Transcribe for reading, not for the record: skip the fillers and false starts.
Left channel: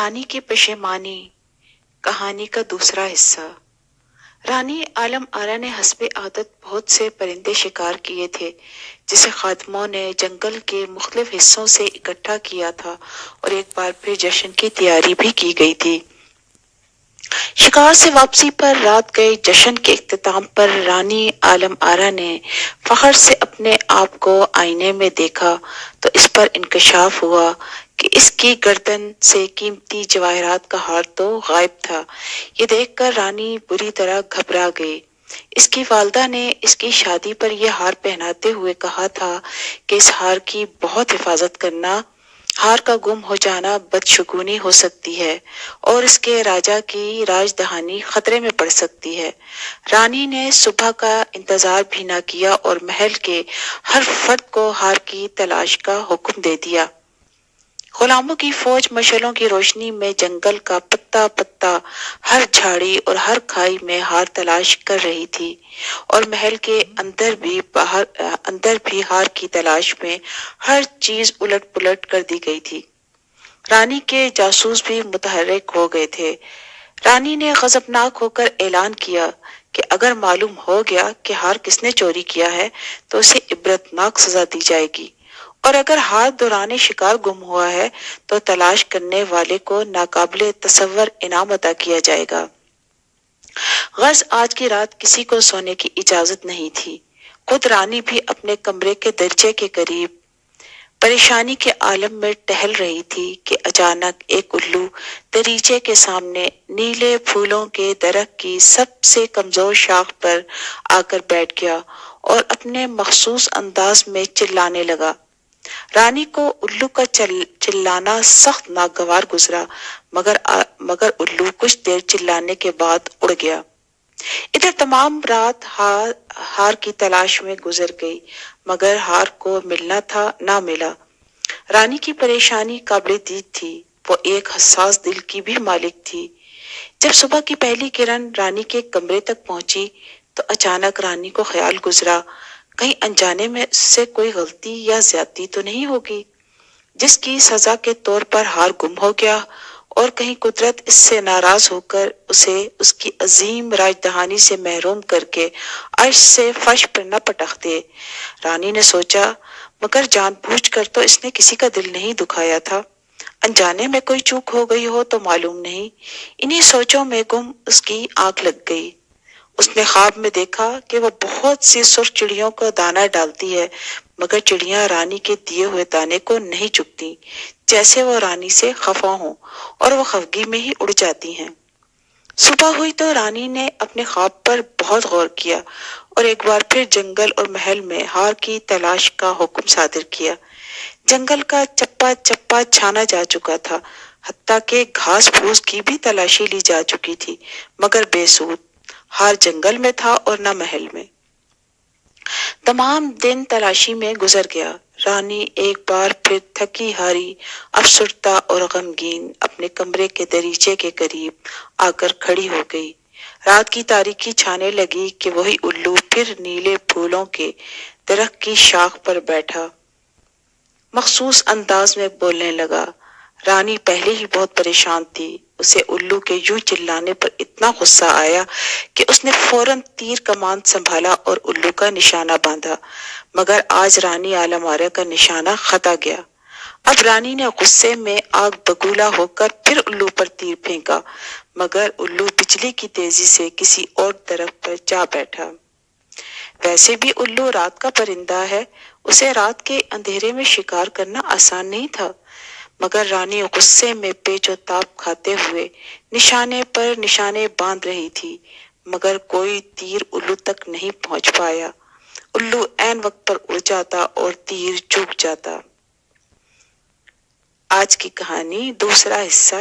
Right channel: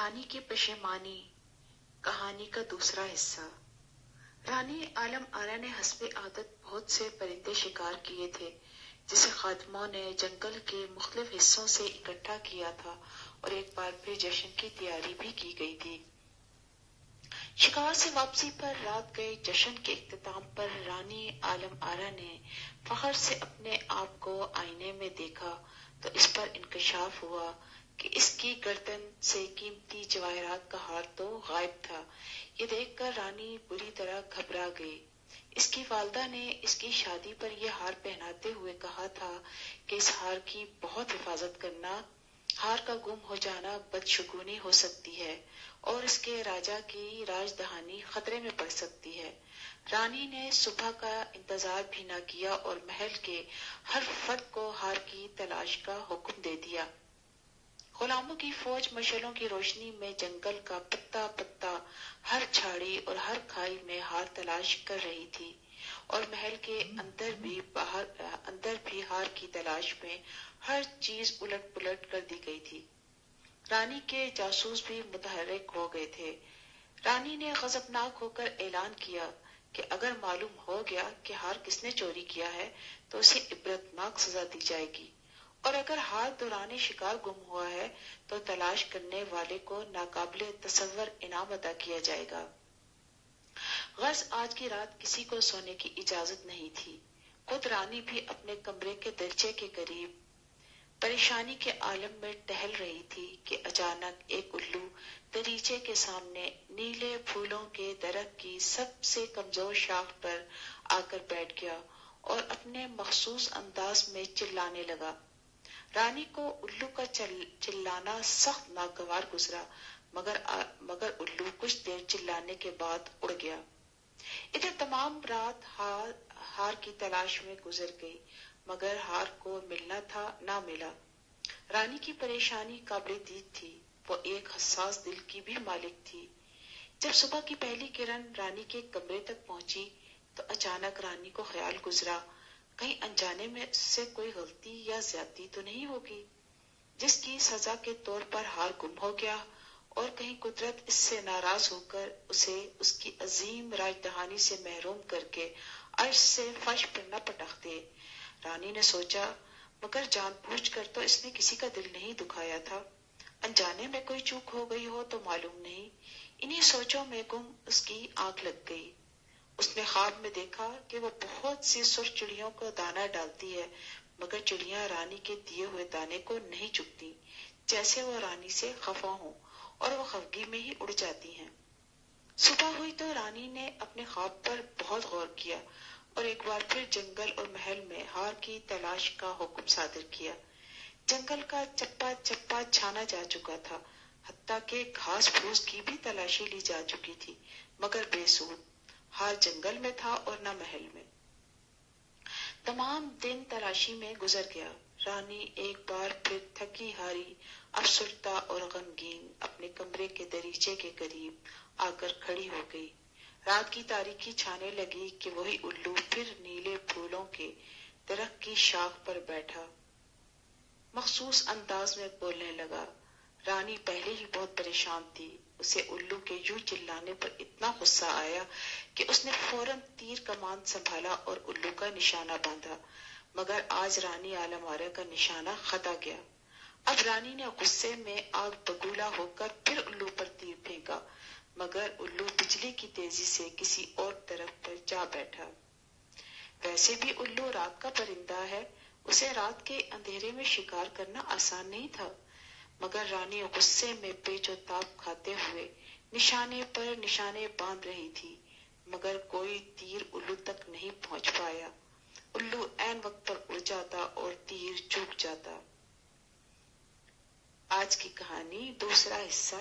रानी की पशेमानी कहानी का दूसरा हिस्सा। रानी आलम आरा ने हस्बे आदत बहुत से परिंदे शिकार किए थे, जिसे खादिमों ने जंगल के मुख्तलिफ हिस्सों से इकट्ठा किया था और एक बार फिर जश्न की तैयारी भी की गई थी। शिकार से वापसी पर रात गए जश्न के इख्तिताम पर रानी आलम आरा ने फख्र से अपने आप को आईने में देखा तो इस पर इंकशाफ हुआ कि इसकी गर्दन से कीमती जवाहरात का हार तो गायब था। ये देखकर रानी बुरी तरह घबरा गई। इसकी वालदा ने इसकी शादी पर यह हार पहनाते हुए कहा था कि इस हार की बहुत हिफाजत करना, हार का गुम हो जाना बदशगुनी हो सकती है और इसके राजा की राजधानी खतरे में पड़ सकती है। रानी ने सुबह का इंतजार भी न किया और महल के हर फर्द को हार की तलाश का हुक्म दे दिया। गुलामों की फौज मशालों की रोशनी में जंगल का पत्ता पत्ता, हर झाड़ी और हर खाई में हार तलाश कर रही थी और महल के अंदर भी हार की तलाश में हर चीज उलट पुलट कर दी गई थी। रानी के जासूस भी मुतहर्रिक हो गए थे। रानी ने गजबनाक होकर ऐलान किया कि अगर मालूम हो गया कि हार किसने चोरी किया है तो उसे इबरतनाक सजा दी जाएगी, और अगर हार दौरान शिकार गुम हुआ है तो तलाश करने वाले को नाकाबिले तसव्वुर इनाम अता किया जाएगा। गर्ज आज की रात किसी को सोने की इजाजत नहीं थी। खुद रानी भी अपने कमरे के दरजे के करीब परेशानी के आलम में टहल रही थी कि अचानक एक उल्लू दरीचे के सामने नीले फूलों के दरख्त की सबसे कमजोर शाख पर आकर बैठ गया और अपने मखसूस अंदाज में चिल्लाने लगा। रानी को उल्लू का चिल्लाना सख्त नागवार गुजरा, मगर उल्लू कुछ देर चिल्लाने के बाद उड़ गया। इधर तमाम रात हार की तलाश में गुजर गई, मगर हार को मिलना था ना मिला। रानी की परेशानी काबिल दीद थी। वो एक हसास दिल की भी मालिक थी। जब सुबह की पहली किरण रानी के कमरे तक पहुंची तो अचानक रानी को ख्याल गुजरा, कहीं अनजाने में से कोई गलती या ज्यादती तो नहीं होगी जिसकी सजा के तौर पर हार गुम हो गया और कहीं कुदरत इससे नाराज होकर उसे उसकी अजीम राजधानी से महरूम करके अर्श से फर्श पर न पटक दे। रानी ने सोचा, मगर जानबूझकर तो इसने किसी का दिल नहीं दुखाया था। अनजाने में कोई चूक हो गई हो तो मालूम नहीं। इन्हीं सोचों में गुम उसकी आंख लग गई। उसने ख्वाब में देखा कि वह बहुत सी सुर्ख चिड़ियों को दाना डालती है, मगर चिड़ियां रानी के दिए हुए दाने को नहीं चुगती, जैसे वो रानी से खफा हों और वो खफगी में ही उड़ जाती हैं। सुबह हुई तो रानी ने अपने ख्वाब पर बहुत गौर किया और एक बार फिर जंगल और महल में हार की तलाश का हुक्म सादिर किया। जंगल का चप्पा चप्पा छाना जा चुका था, हत्ता के घास फूस की भी तलाशी ली जा चुकी थी, मगर बेसूद। हार जंगल में था और न महल में। तमाम दिन तलाशी में गुजर गया। रानी एक बार फिर थकी हारी, अफसुर्दा और गमगीन अपने कमरे के दरीचे के करीब आकर खड़ी हो गई। रात की तारीकी छाने लगी कि वही उल्लू फिर नीले फूलों के दरख्त की शाख पर बैठा मखसूस अंदाज में बोलने लगा। रानी पहले ही बहुत परेशान थी। उसे उल्लू के यूं चिल्लाने पर इतना गुस्सा आया कि उसने फौरन तीर कमान संभाला और उल्लू का निशाना बांधा, मगर आज रानी आलम आरा का निशाना खता गया। अब रानी ने गुस्से में आग बगूला होकर फिर उल्लू पर तीर फेंका, मगर उल्लू बिजली की तेजी से किसी और तरफ पर जा बैठा। वैसे भी उल्लू रात का परिंदा है, उसे रात के अंधेरे में शिकार करना आसान नहीं था, मगर रानी गुस्से में पेचो ताप खाते हुए निशाने पर निशाने बांध रही थी, मगर कोई तीर उल्लू तक नहीं पहुंच पाया। उल्लू ऐन वक्त पर उड़ जाता और तीर चूक जाता। आज की कहानी दूसरा हिस्सा।